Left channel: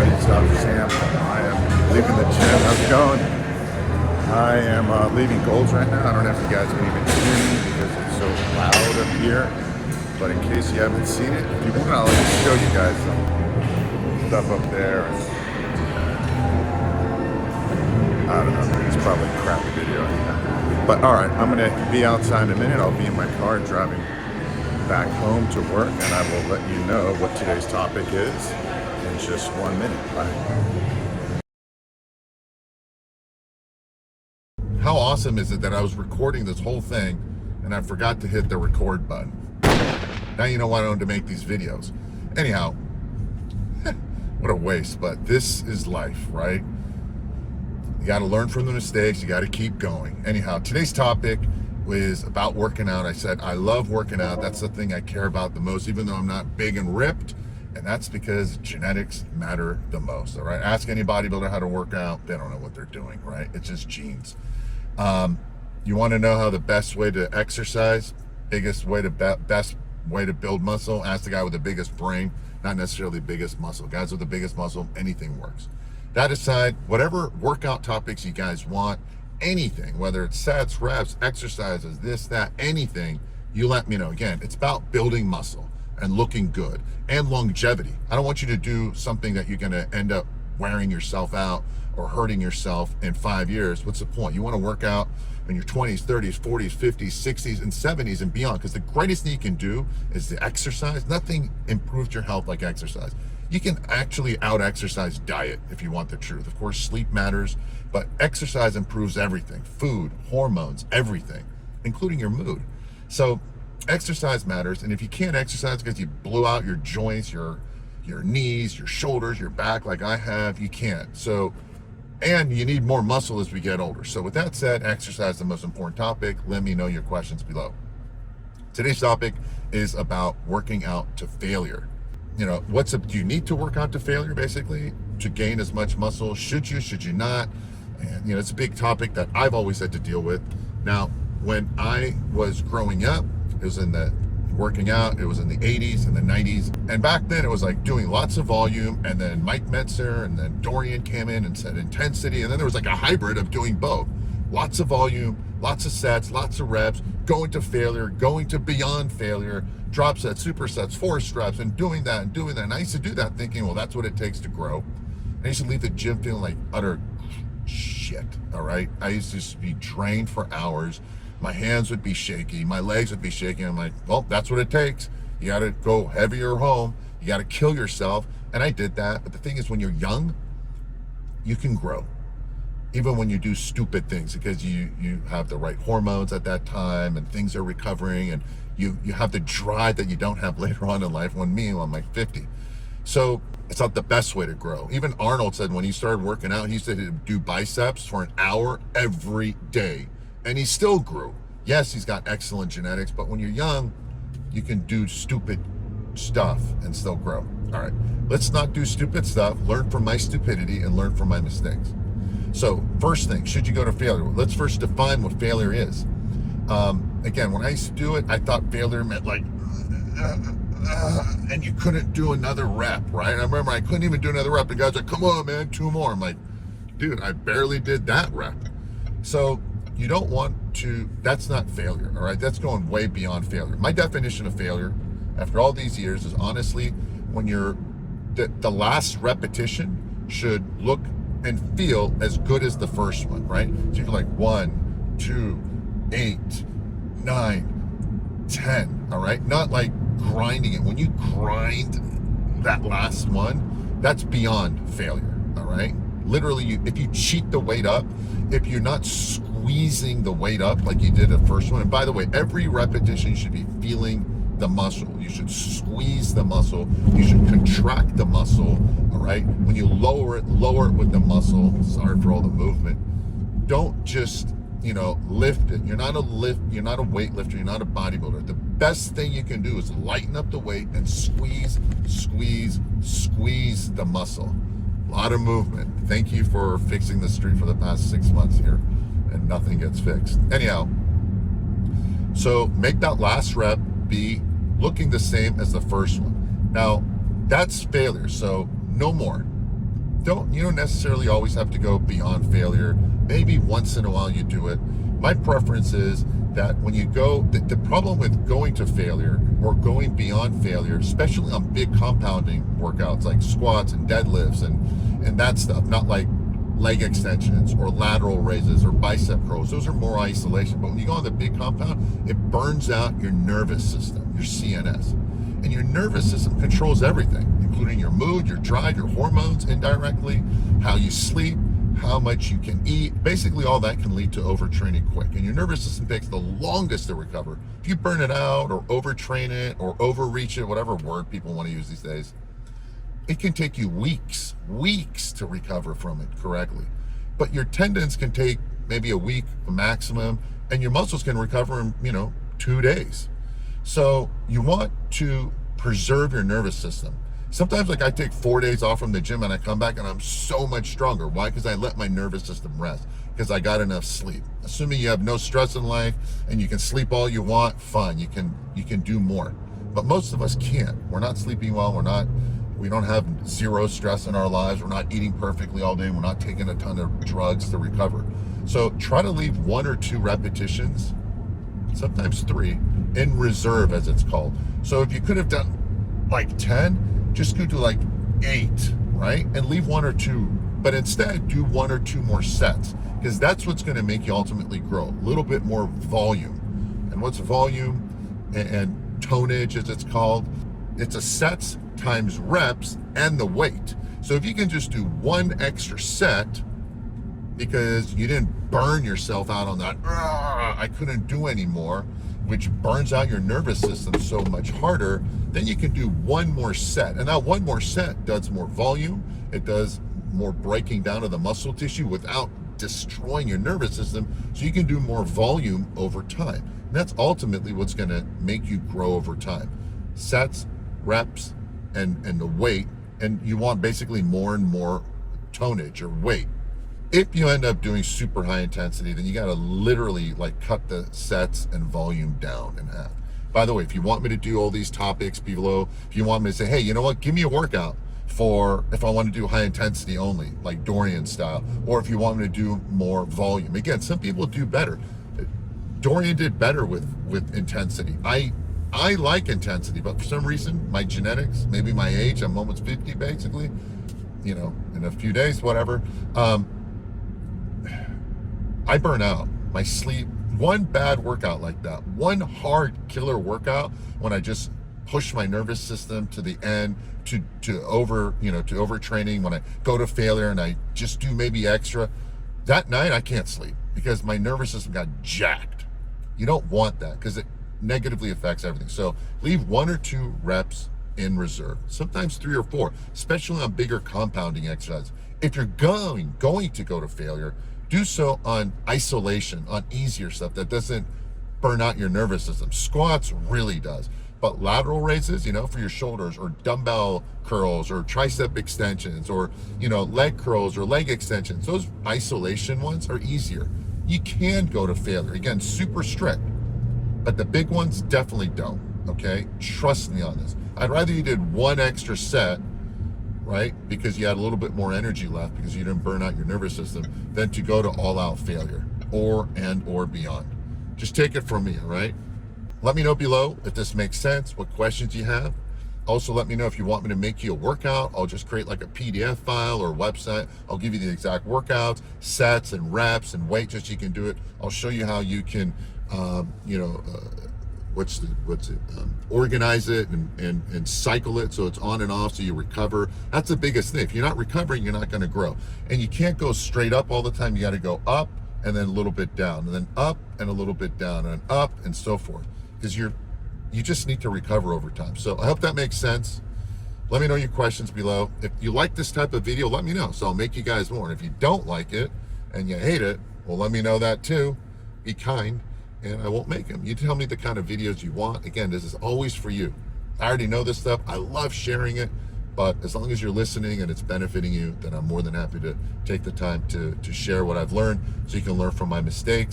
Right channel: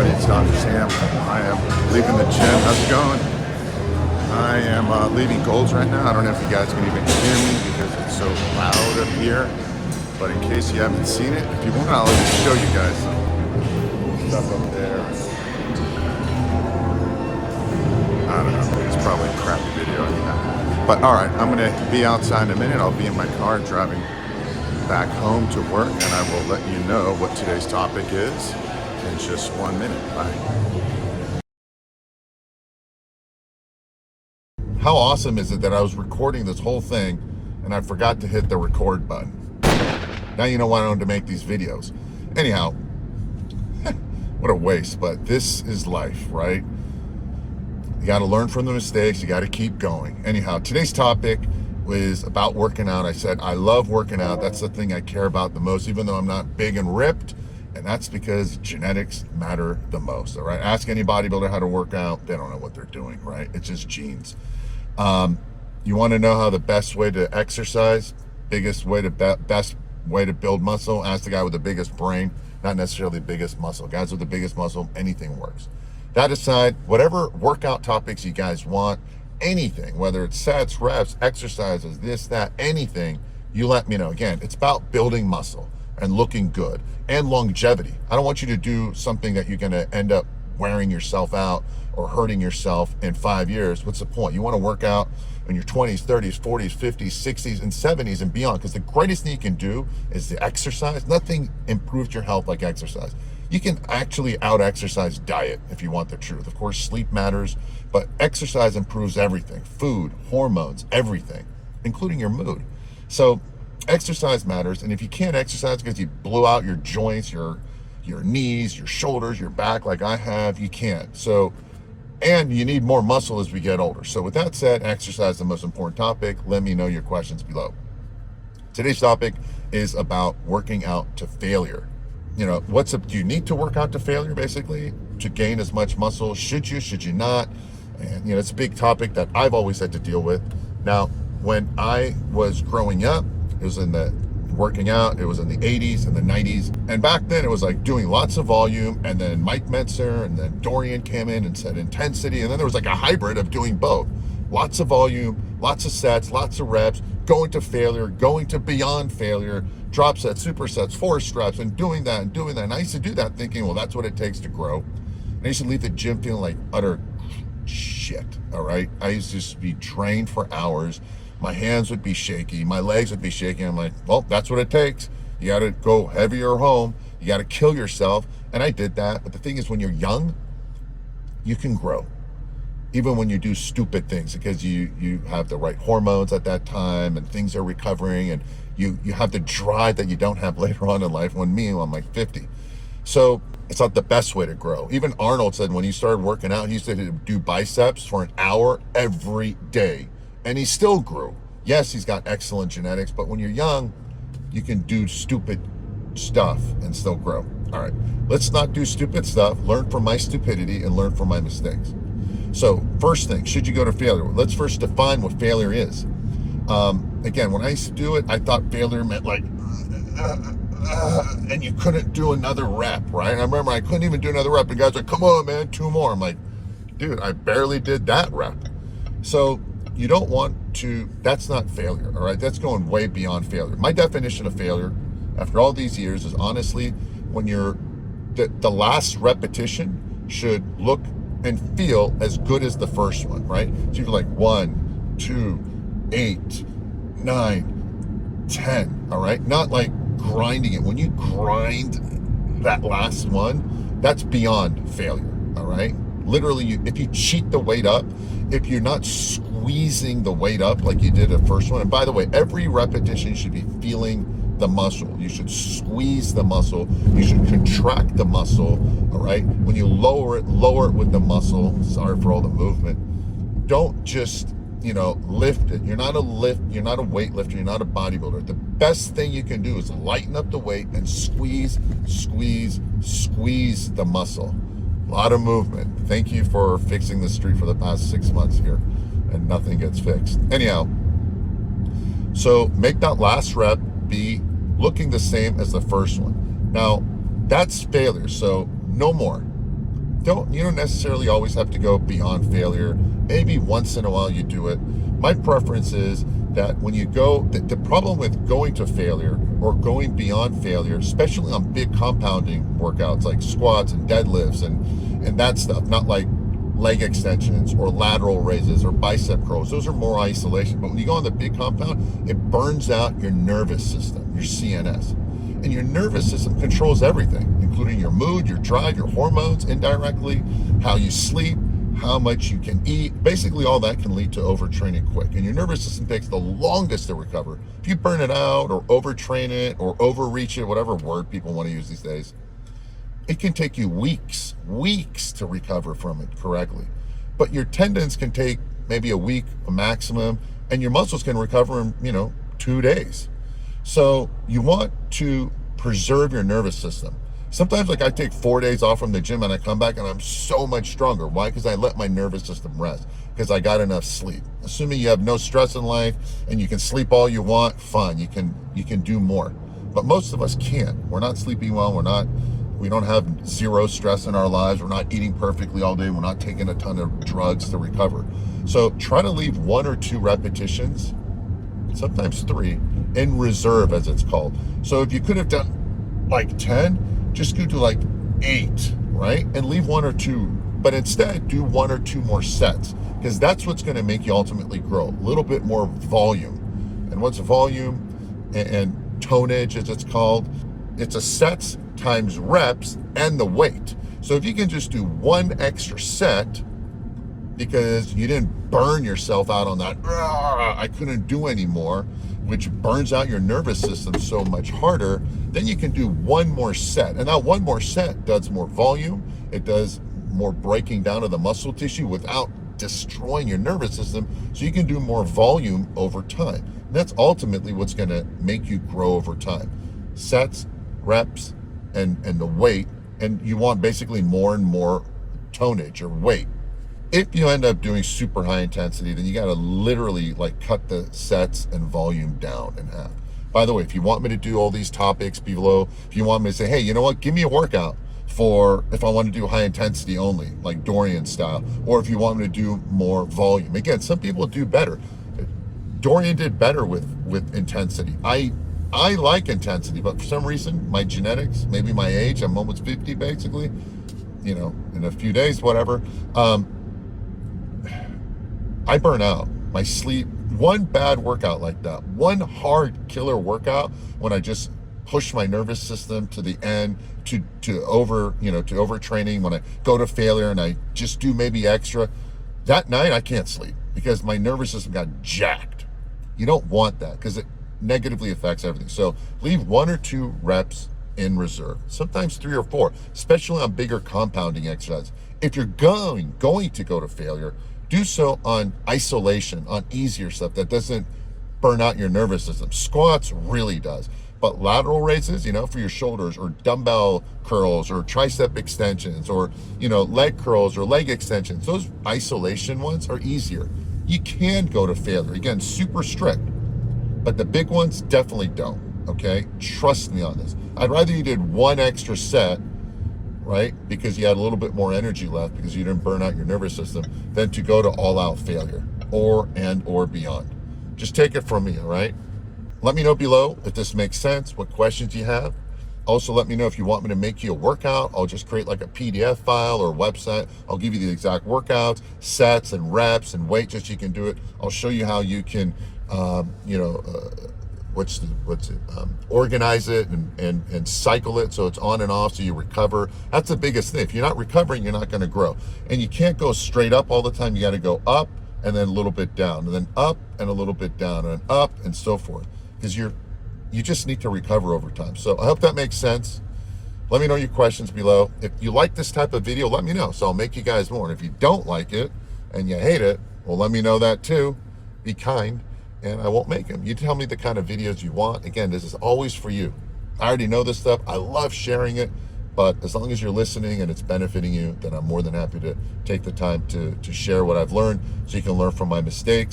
everybody, it's Dr. Sam. I am leaving the gym. How's it going? I am leaving Gold's right now. I don't know if you guys can even hear me because it's so loud up here. But in case you haven't seen it, if you want, I'll just show you guys some stuff up there. I don't know. It's probably a crappy video. But all right, I'm going to be outside in a minute. I'll be in my car driving back home to work, and I will let you know what today's topic is in just 1 minute. Bye. How awesome is it that I was recording this whole thing and I forgot to hit the record button? Now you know why I wanted to make these videos. Anyhow, what a waste, but this is life, right? You got to learn from the mistakes. You got to keep going. Anyhow, today's topic was about working out. I said, I love working out. That's the thing I care about the most, even though I'm not big and ripped. And that's because genetics matter the most, all right? Ask any bodybuilder how to work out. They don't know what they're doing, right? It's just genes. You want to know how the best way to exercise, best way to build muscle? Ask the guy with the biggest brain, not necessarily the biggest muscle. Guys with the biggest muscle, anything works. That aside, whatever workout topics you guys want, anything, whether it's sets, reps, exercises, this, that, anything, you let me know. Again, it's about building muscle and looking good and longevity. I don't want you to do something that you're going to end up wearing yourself out or hurting yourself in 5 years. What's the point? You want to work out in your 20s, 30s, 40s, 50s, 60s, and 70s and beyond, because the greatest thing you can do is to exercise. Nothing improves your health like exercise. You can actually out-exercise diet if you want the truth. Of course, sleep matters, but exercise improves everything. Food, hormones, everything, including your mood. So exercise matters, and if you can't exercise because you blew out your joints, your knees, your shoulders, your back like I have, you can't. So, and you need more muscle as we get older. So with that said, exercise is the most important topic. Let me know your questions below. Today's topic is about working out to failure. You know, do you need to work out to failure, basically, to gain as much muscle? Should you not? And, you know, it's a big topic that I've always had to deal with. Now, when I was growing up, it was in the working out, it was in the 80s and the 90s. And back then it was like doing lots of volume, and then Mike Metzer and then Dorian came in and said intensity. And then there was like a hybrid of doing both. Lots of volume, lots of sets, lots of reps, going to failure, going to beyond failure, drop sets, supersets, force reps, and doing that. And I used to do that thinking, well, that's what it takes to grow. And I used to leave the gym feeling like utter shit, all right? I used to just be drained for hours. My hands would be shaky. My legs would be shaking. I'm like, well, that's what it takes. You got to go heavier home. You got to kill yourself. And I did that. But the thing is, when you're young, you can grow. Even when you do stupid things, because you have the right hormones at that time and things are recovering, and you have the drive that you don't have later on in life. When I'm like 50. So it's not the best way to grow. Even Arnold said when he started working out, he used to do biceps for an hour every day. And he still grew. Yes, he's got excellent genetics, but when you're young, you can do stupid stuff and still grow. All right, let's not do stupid stuff. Learn from my stupidity and learn from my mistakes. So first thing, should you go to failure? Let's first define what failure is. Again, when I used to do it, I thought failure meant like, and you couldn't do another rep, right? I remember I couldn't even do another rep, and guys were like, come on, man, 2 more. I'm like, dude, I barely did that rep. So you don't want to, that's not failure, all right? That's going way beyond failure. My definition of failure, after all these years, is honestly when the last repetition should look and feel as good as the first one, right? So you're like 1, 2, 8, 9, 10, all right? Not like grinding it. When you grind that last one, that's beyond failure, all right? Literally, if you cheat the weight up, if you're not squeezing the weight up like you did the first one, and by the way, every repetition you should be feeling the muscle. You should squeeze the muscle. You should contract the muscle, all right? When you lower it with the muscle. Sorry for all the movement. Don't just, lift it. You're not a weightlifter. You're not a bodybuilder. The best thing you can do is lighten up the weight and squeeze the muscle. A lot of movement. Thank you for fixing the street for the past 6 months here, and nothing gets fixed. Anyhow, so make that last rep be looking the same as the first one. Now, that's failure, so no more. You don't necessarily always have to go beyond failure. Maybe once in a while you do it. My preference is that when you go, the problem with going to failure or going beyond failure, especially on big compounding workouts like squats and deadlifts and that stuff, not like leg extensions or lateral raises or bicep curls. Those are more isolation. But when you go on the big compound, it burns out your nervous system, your CNS. And your nervous system controls everything, including your mood, your drive, your hormones indirectly, how you sleep, how much you can eat. Basically, all that can lead to overtraining quick. And your nervous system takes the longest to recover. If you burn it out or overtrain it or overreach it, whatever word people want to use these days, it can take you weeks to recover from it correctly. But your tendons can take maybe a week, a maximum, and your muscles can recover in, 2 days. So you want to preserve your nervous system. Sometimes, like, I take 4 days off from the gym and I come back and I'm so much stronger. Why? Because I let my nervous system rest, because I got enough sleep. Assuming you have no stress in life and you can sleep all you want, fine, you can do more. But most of us can't. We're not sleeping well. We don't have zero stress in our lives. We're not eating perfectly all day. We're not taking a ton of drugs to recover. So try to leave 1 or 2 repetitions, sometimes 3, in reserve, as it's called. So if you could have done like 10, just go to like 8, right? And leave 1 or 2, but instead do 1 or 2 more sets, because that's what's going to make you ultimately grow. A little bit more volume. And what's volume and tonnage, as it's called? It's a sets times reps and the weight. So if you can just do 1 extra set because you didn't burn yourself out on that, I couldn't do anymore, which burns out your nervous system so much harder, then you can do 1 more set. And that 1 more set does more volume. It does more breaking down of the muscle tissue without destroying your nervous system. So you can do more volume over time. And that's ultimately what's going to make you grow over time. Sets, reps, and the weight. And you want basically more and more tonnage or weight. If you end up doing super high intensity, then you got to literally like cut the sets and volume down in half. By the way, if you want me to do all these topics below, if you want me to say, hey, you know what, give me a workout for if I want to do high intensity only, like Dorian style, or if you want me to do more volume. Again, some people do better. Dorian did better with intensity. I like intensity, but for some reason, my genetics, maybe my age, I'm almost 50 basically, in a few days, whatever. I burn out. My sleep, 1 bad workout like that, 1 hard killer workout when I just push my nervous system to the end to overtraining, when I go to failure and I just do maybe extra, that night I can't sleep because my nervous system got jacked. You don't want that because it negatively affects everything. So leave 1 or 2 reps in reserve, sometimes 3 or 4, especially on bigger compounding exercises. If you're going to go to failure, do so on isolation, on easier stuff that doesn't burn out your nervous system. Squats really does. But lateral raises, for your shoulders, or dumbbell curls, or tricep extensions, or, leg curls or leg extensions, those isolation ones are easier. You can go to failure. Again, super strict. But the big ones definitely don't, okay? Trust me on this. I'd rather you did 1 extra set, right? Because you had a little bit more energy left because you didn't burn out your nervous system, than to go to all-out failure or beyond. Just take it from me, all right? Let me know below if this makes sense, what questions you have. Also, let me know if you want me to make you a workout. I'll just create like a PDF file or website. I'll give you the exact workouts, sets and reps and weight, just so you can do it. I'll show you how you can, organize it and cycle it so it's on and off so you recover. That's the biggest thing. If you're not recovering, you're not going to grow. And you can't go straight up all the time. You got to go up and then a little bit down, and then up and a little bit down, and up, and so forth, because you just need to recover over time. So I hope that makes sense. Let me know your questions below. If you like this type of video, let me know, so I'll make you guys more. And if you don't like it and you hate it, well, let me know that too. Be kind, and I won't make them. You tell me the kind of videos you want. Again, this is always for you. I already know this stuff. I love sharing it, but as long as you're listening and it's benefiting you, then I'm more than happy to take the time to share what I've learned so you can learn from my mistakes.